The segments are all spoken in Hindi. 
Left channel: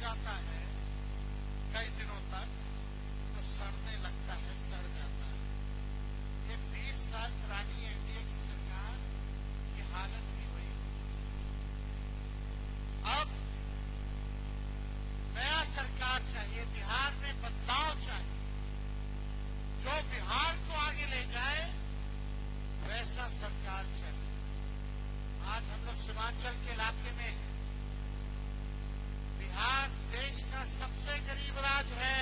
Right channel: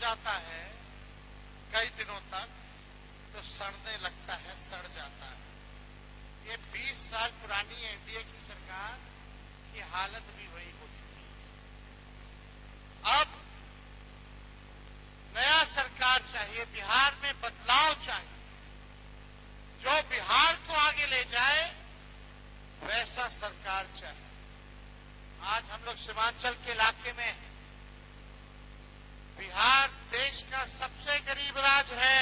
जाता है कई दिनों तक तो सड़ने लगता है, सड़ जाता है। ये 20 साल पुरानी एनडीए की सरकार की हालत भी वही हो चुकी है। अब नया सरकार चाहिए, बिहार में बदलाव चाहिए, जो बिहार को आगे ले जाए वैसा सरकार चाहिए। आज हम लोग सीमांचल के इलाके में, बिहार देश का सबसे गरीब राज्य है।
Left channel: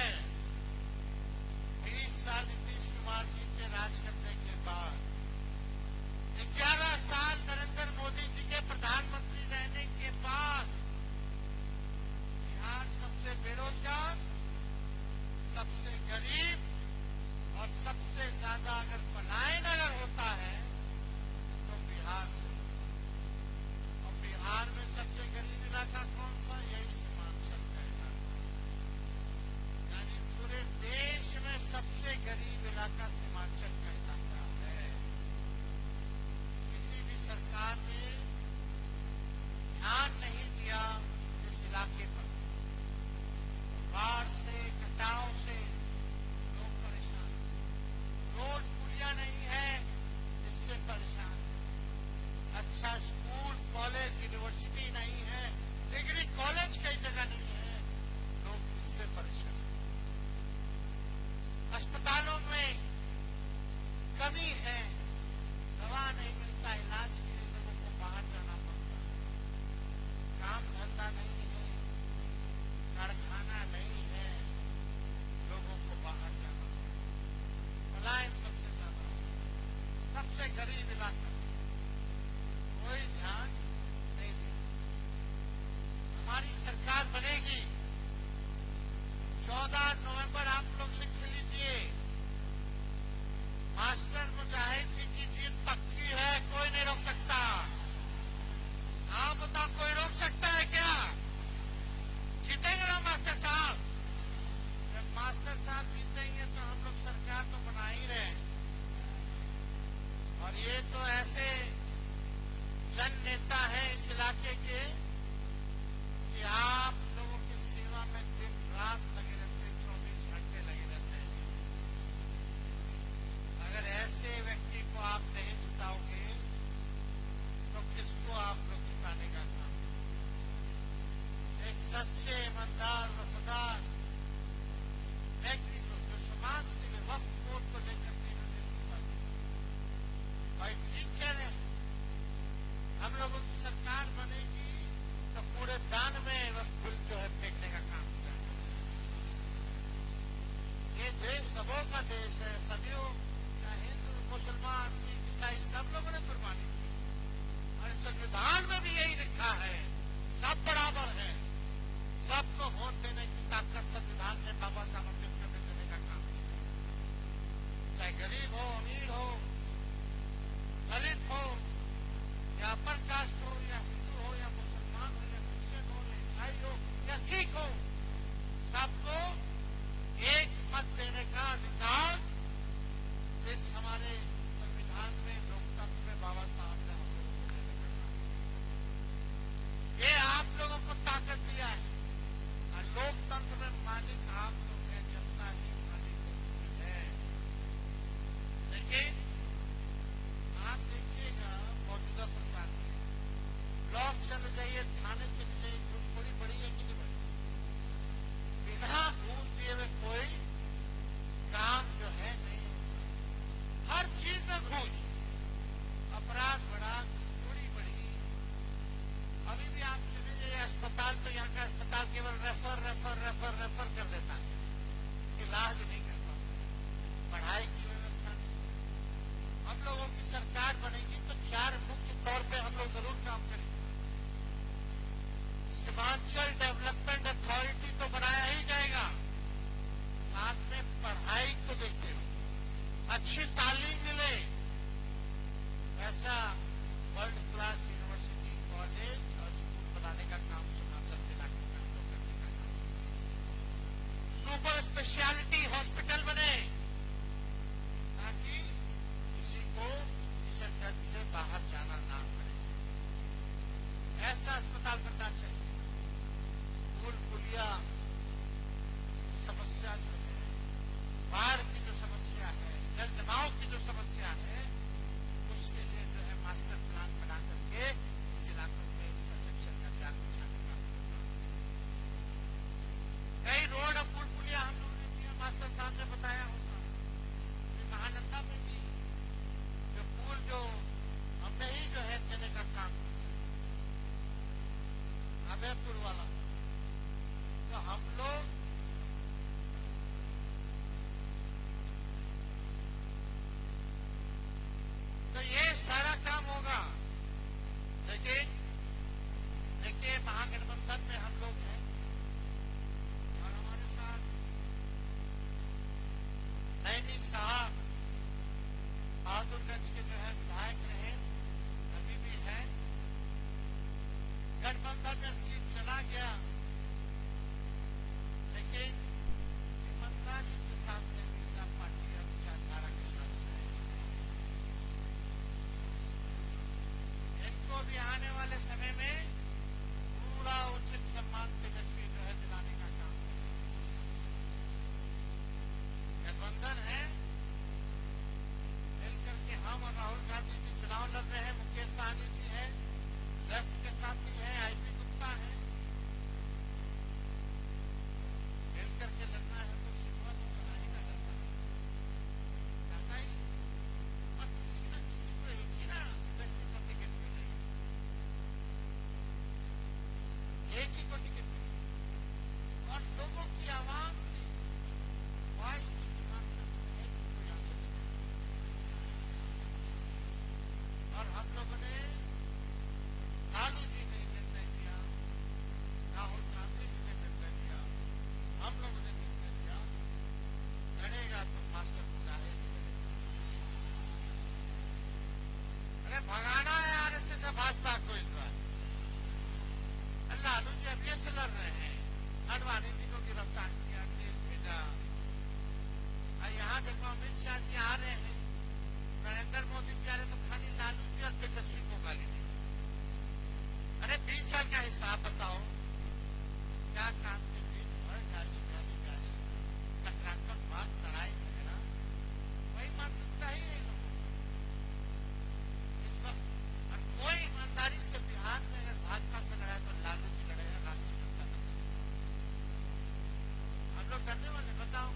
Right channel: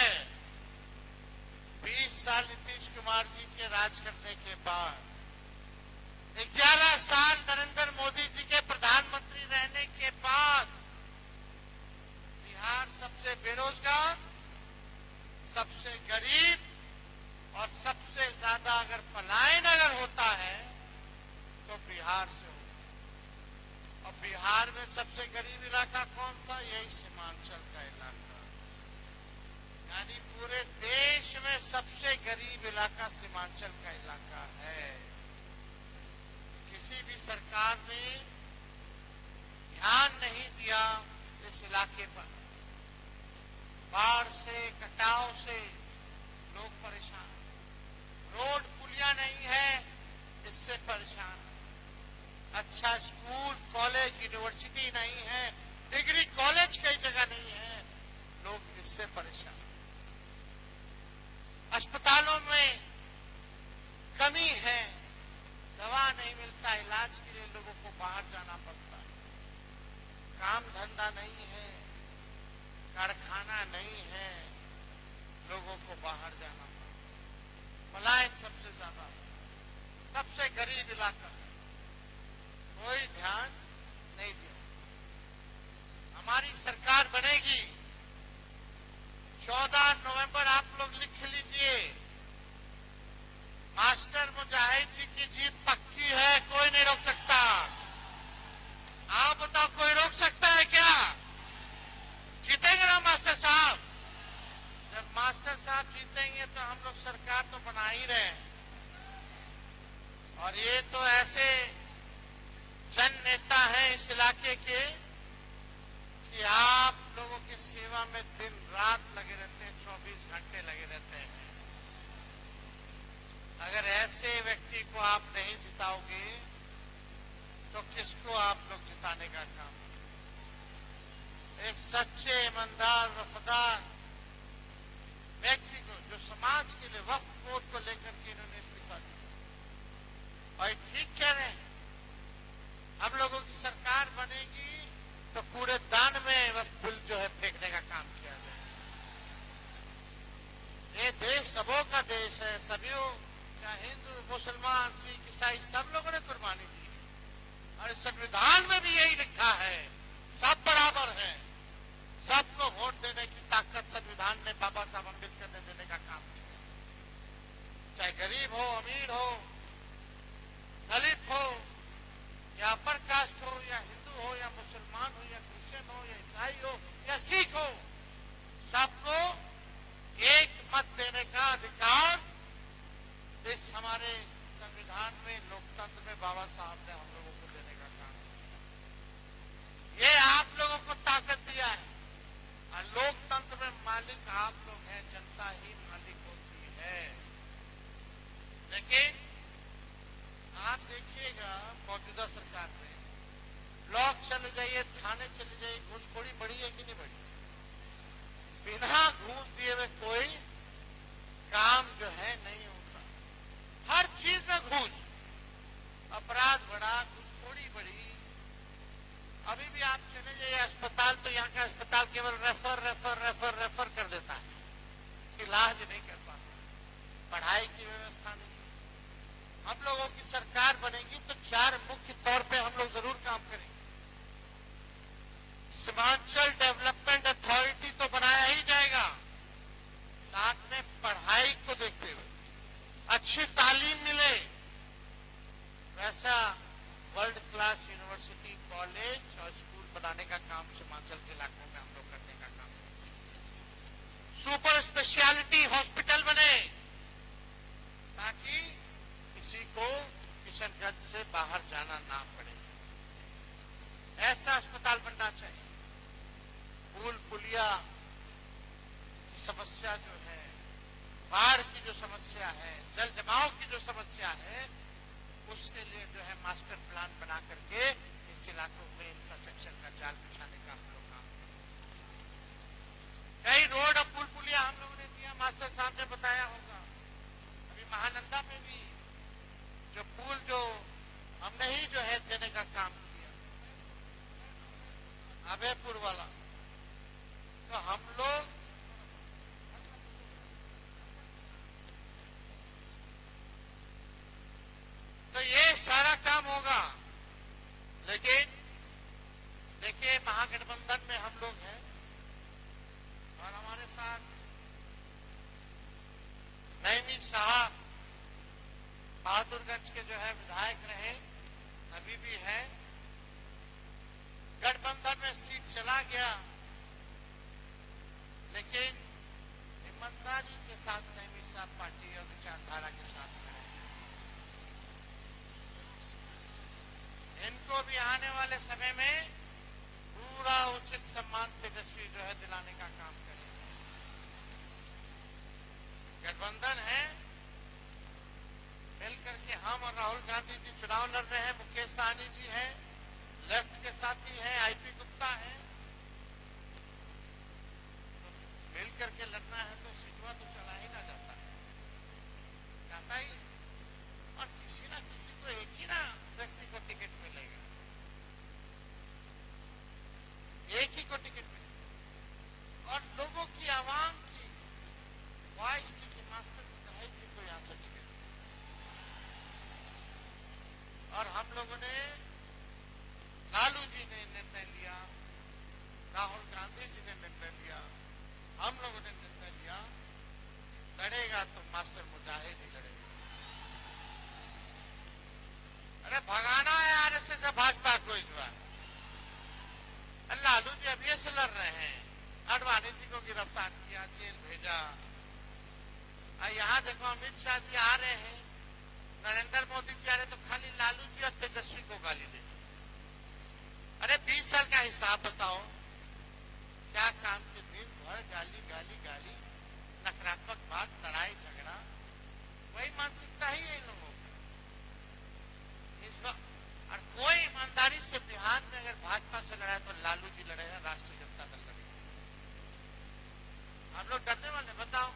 लोग डरने वाले, बताओ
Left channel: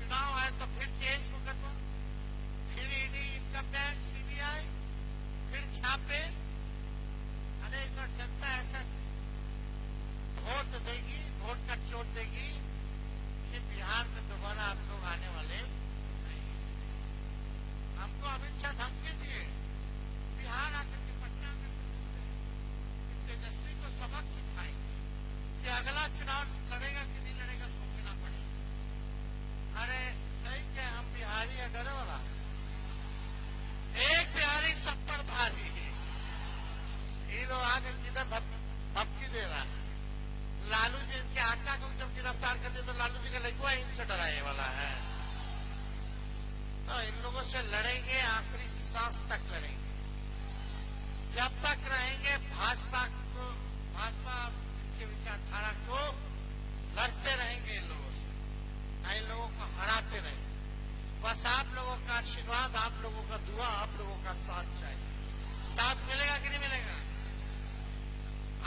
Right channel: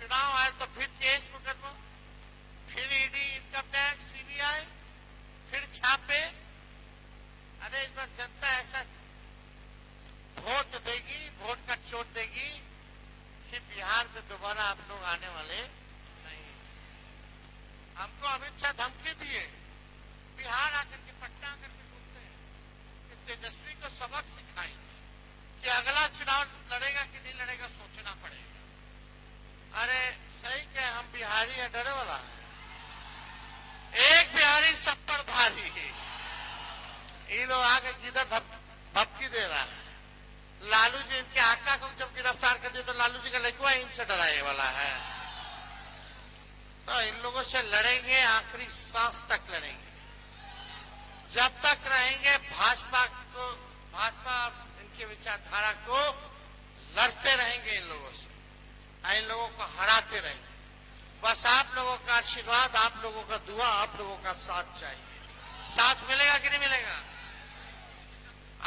चुनाव आए तो फिर केस मुकदमा, फिर ईडी, इनकम टैक्स, सीबीआई, फिर छापे। अरे इस बार जनता ऐसा वोट देगी, वोट का चोट देगी कि बिहार में दोबारा आप लोग आने वाले नहीं। हमको अमित शाह धमकी दिए बिहार आके की पटना में तेजस्वी को सबक सिखाई कि अगला चुनाव लड़ेगा कि नहीं लड़ेगा सोचना पड़ेगा। अरे सही क्या हम बिहारी है, डरे वाला एक बिहारी सब पर भारी है। ये लोग आगे किधर धमकी दे रहा है। लालू जी इनके आका को जब गिरफ्तार कर दिया तो लालू जी का लड़का इनसे डराने वाला है। तो इन लोगों से लड़ेंगे, आखिरी सांस तक लड़ेंगे। जब तक रहेंगे भाजपा को, भाजपा इनकी विचारधारा को लड़ते रहेंगे इन लोगों से, इन लोगों को हराते रहेंगे। बस आप लोगों का आशीर्वाद, आप लोगों का दुआ, आप लोगों का साथ चाहिए। साथ मिलेगा कि नहीं मिलेगा?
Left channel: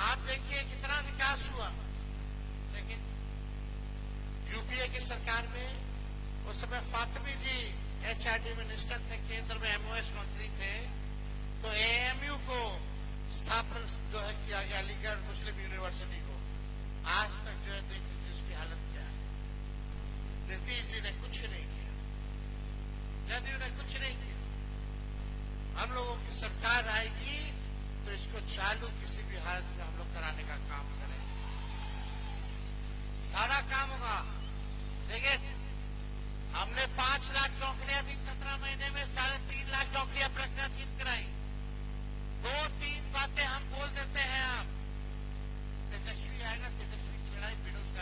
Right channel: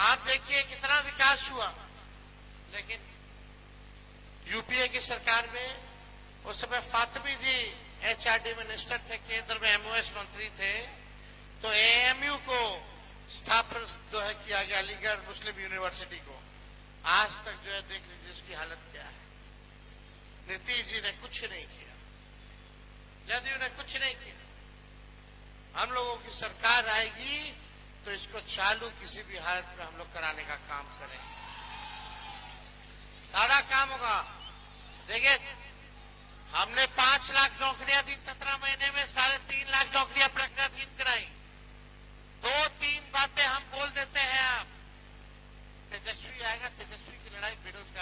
आप देखिए कितना विकास हुआ, लेकिन यूपीए की सरकार में उस समय फातमी जी एचआरडी मिनिस्टर थे, केंद्र में एमओएस मंत्री थे, तो एएमयू को स्थापित जो है किया गया, अलीगढ़ मुस्लिम यूनिवर्सिटी को। आज तक जो है देख लीजिए उसकी हालत क्या है। नीतीश जी ने कुछ नहीं किया, जदयू ने कुछ नहीं किया। हम लोगों की सरकार आएगी तो इसको चालू किसी भी हालत में हम लोग कराने का काम करेंगे, सारा काम होगा। देखिए हमने 5 लाख नौकरियां दी 17 महीने में, 3.5 लाख नौकरियां प्रकटित कराई। 2-3 बातें हम बोल देते हैं, तेजस्वी आएगा, तेजस्वी की लड़ाई बेरोजगारी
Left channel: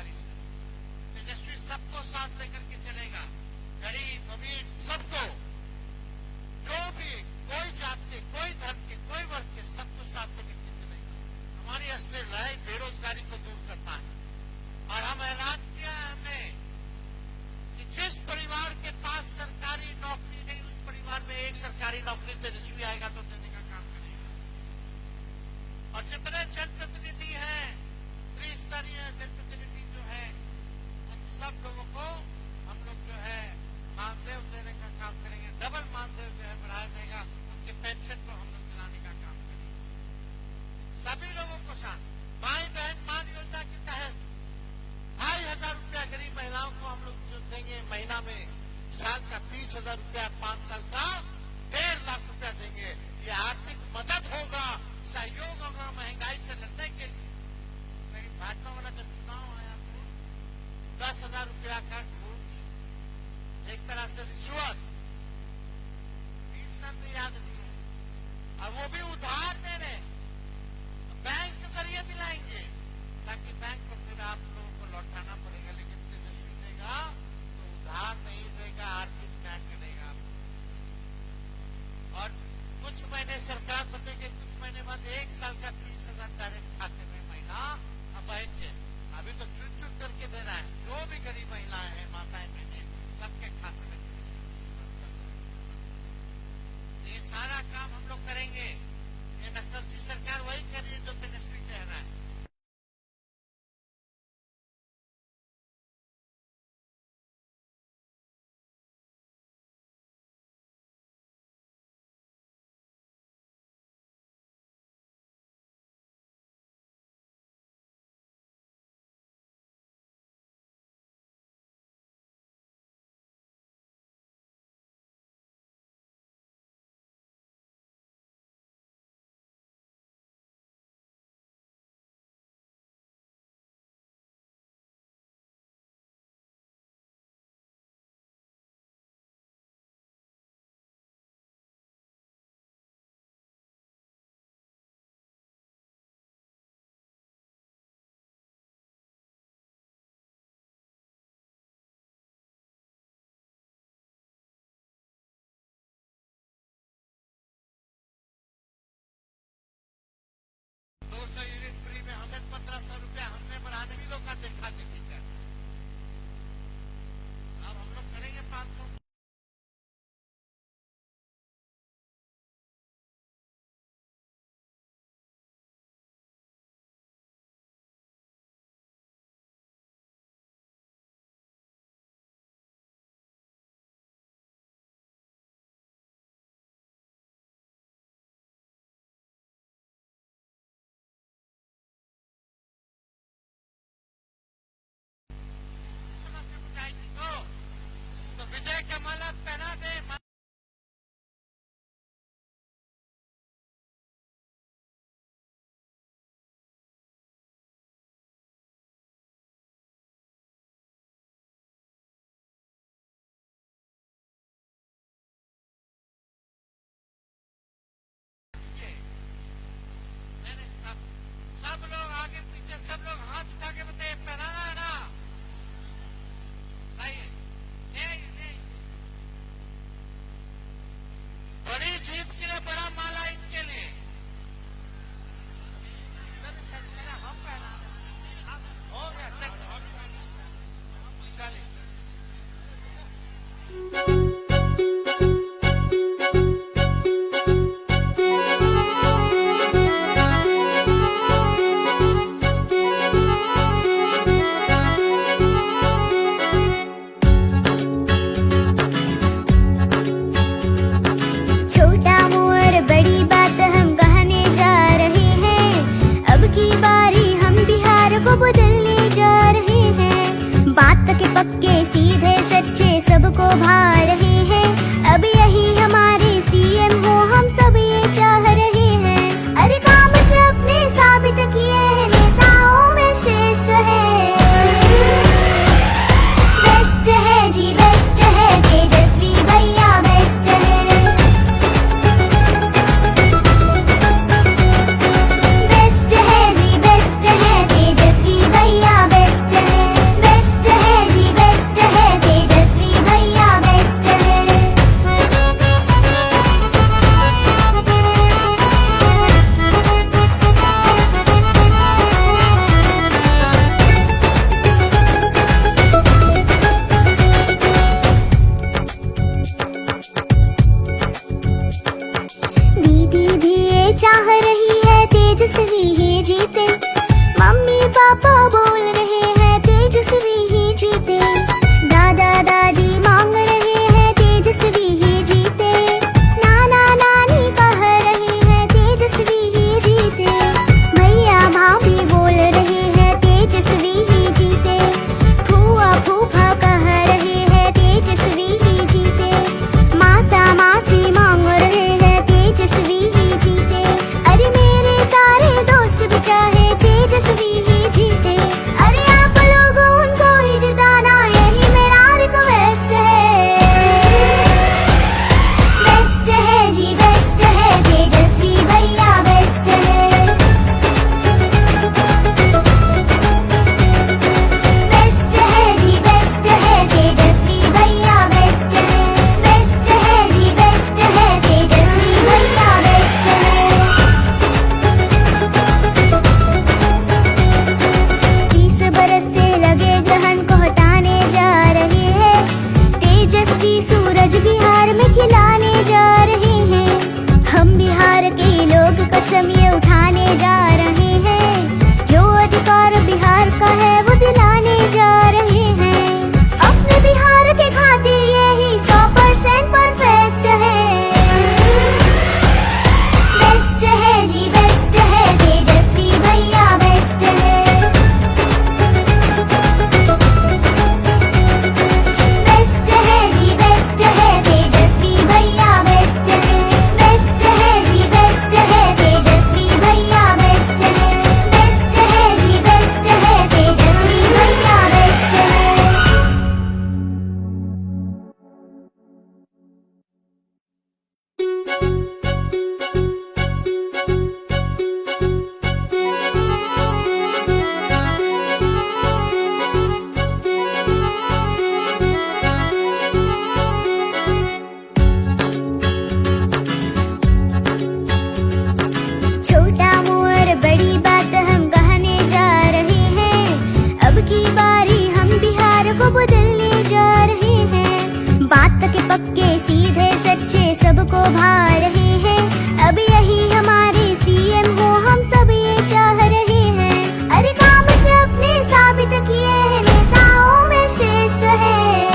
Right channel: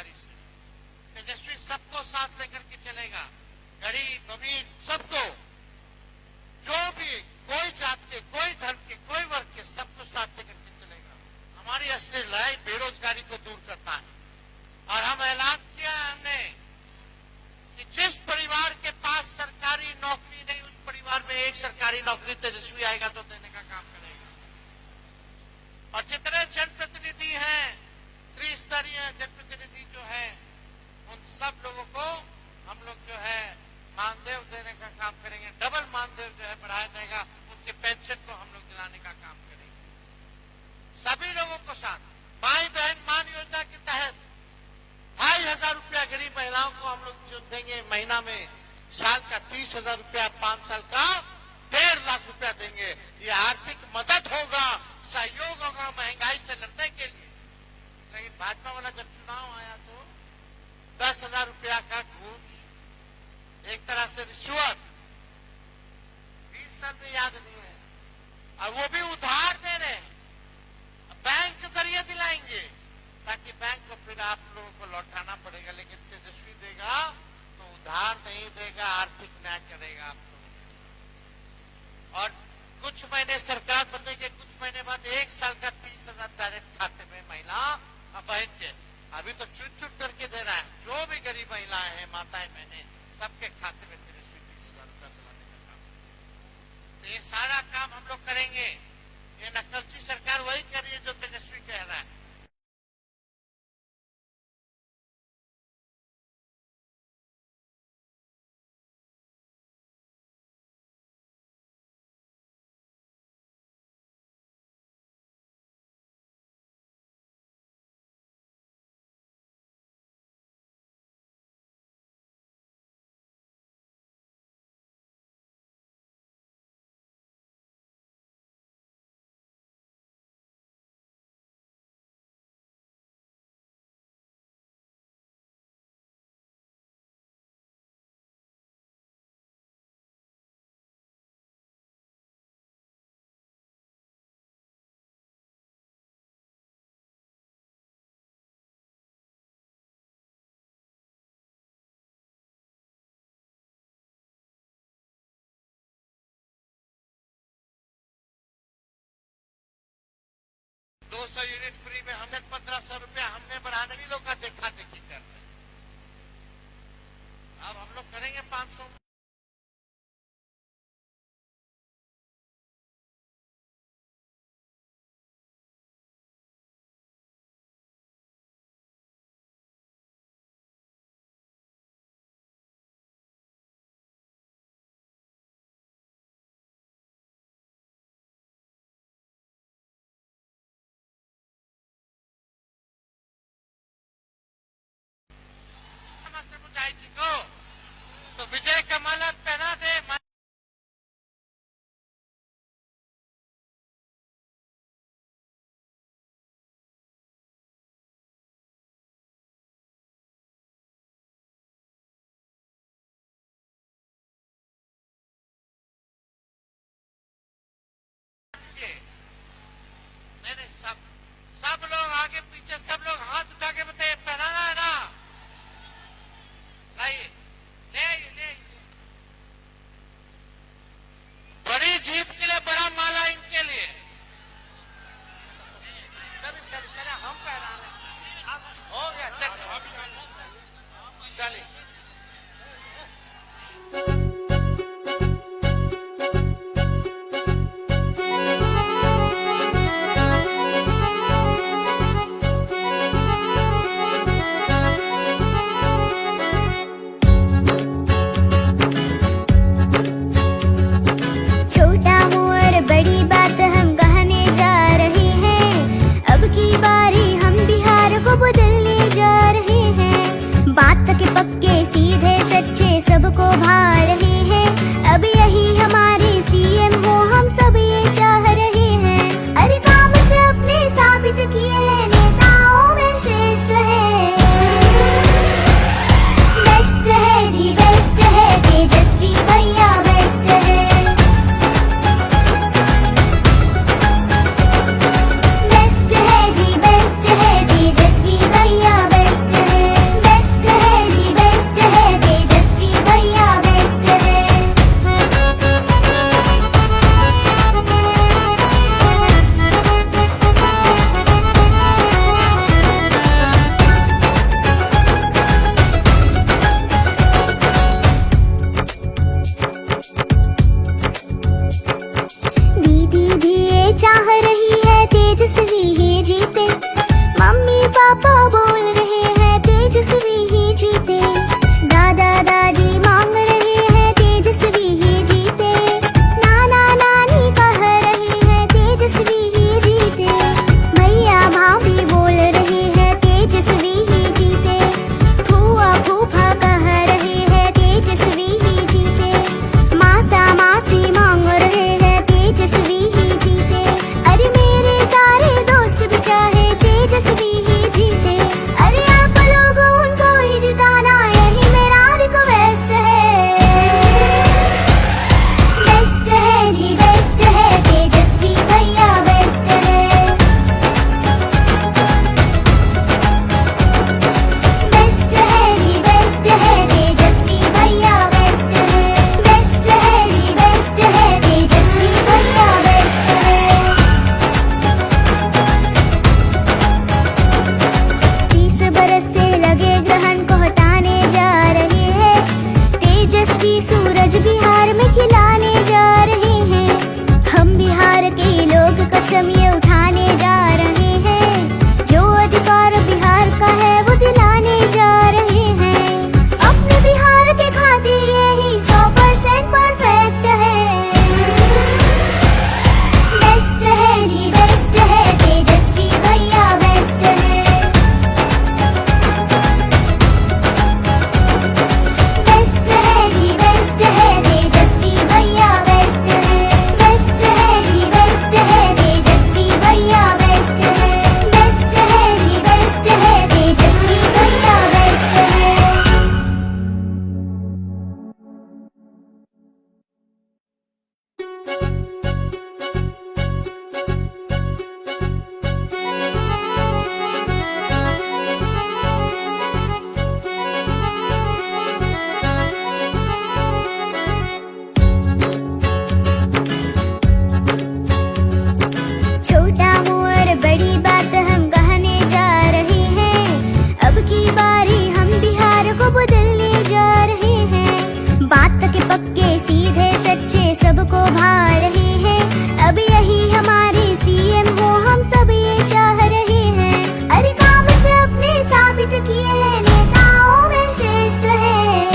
की बारी, हम बिहार को बदलने जा रहे हैं। बात के पक्के सीधे सच्चे सबको भा रहे हैं। अब यही हमारे सीएम हो, हम सब ये चाह रहे हैं। अरे काम से अपने साबित किए हैं, नेताओं में श्रेष्ठ है।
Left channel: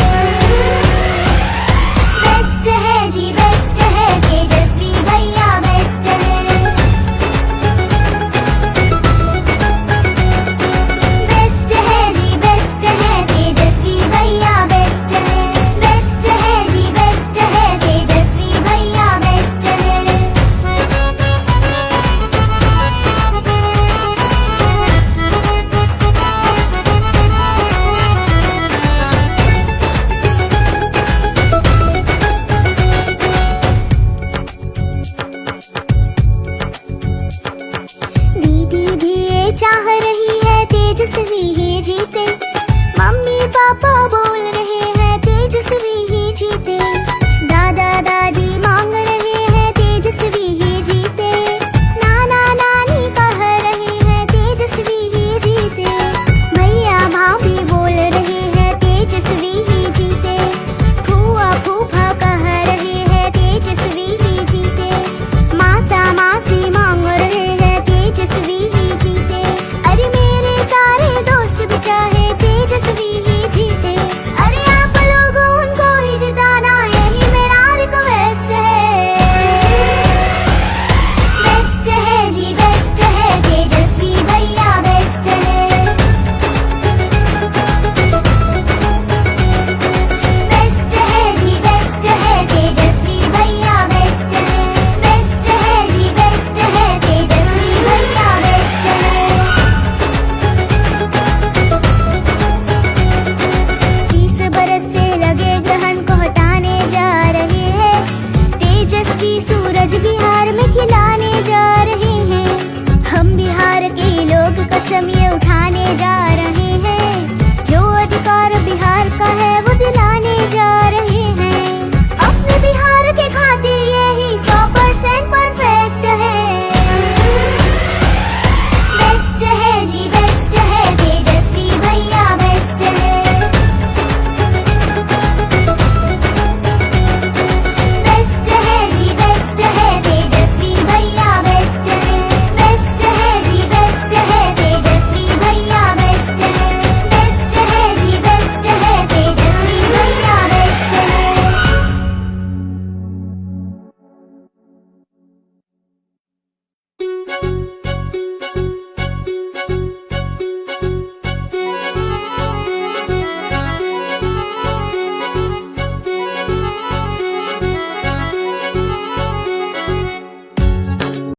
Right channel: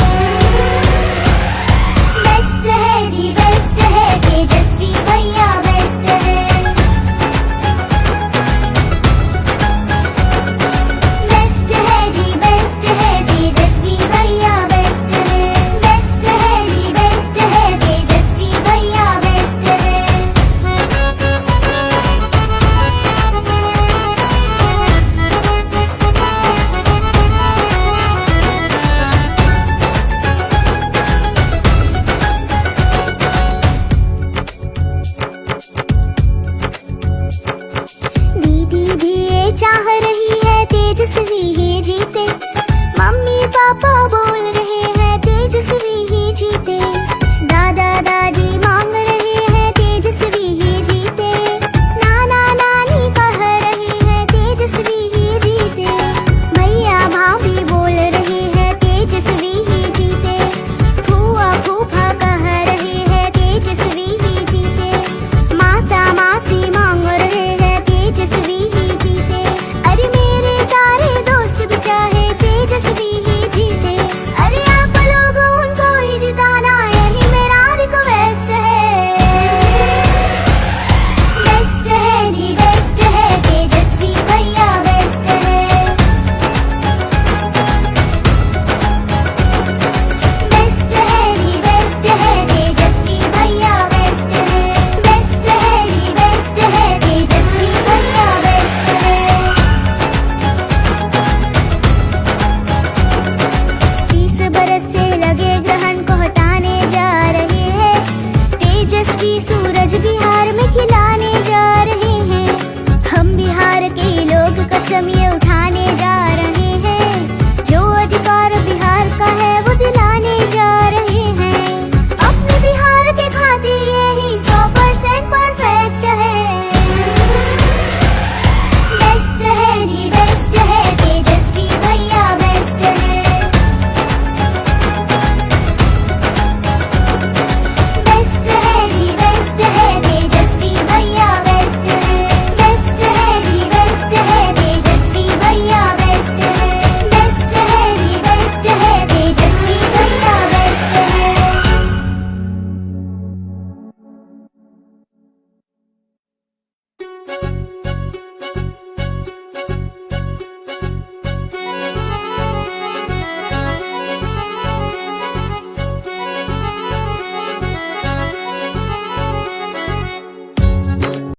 बेस्ट है जी बेस्ट है, तेजस्वी भैया बेस्ट है। बेस्ट है जी बेस्ट है, तेजस्वी भैया बेस्ट है। बेस्ट है जी बेस्ट है, तेजस्वी भैया बेस्ट है। दीदी भी ये चाह रही है, तेजस्वी ही जीते। मम्मी पापा बोल रहे हैं, तेजस्वी ही जीते। दादा दादी मांग रहे हैं, तेजस्वी ही जीते। नाना नानी कह रहे हैं, तेजस्वी ही जीते। भैया भाभी बोल रहे हैं, तेजस्वी ही जीते। फूआ फूफा कह रहे हैं, तेजस्वी ही जीते। मासा मासी मांग रहे हैं, तेजस्वी ही जीते। अरे मेरे सारे दोस्त भी चाहे तेजस्वी ही जीते। अरे आप लोग उनको ही जिताना, यही मेरा रिक्वेस्ट है। बेस्ट है जी बेस्ट है, तेजस्वी भैया बेस्ट है। बेस्ट है जी बेस्ट है, तेजस्वी भैया बेस्ट है। बेस्ट है जी बेस्ट है, तेजस्वी भैया बेस्ट है। 30 बरस से लगे ग्रहण को हटाने जा रहे हैं। तेजस्वी सूरज बिहार में खिलाने जा रहे हैं। हम बिहार के लोग कसम ये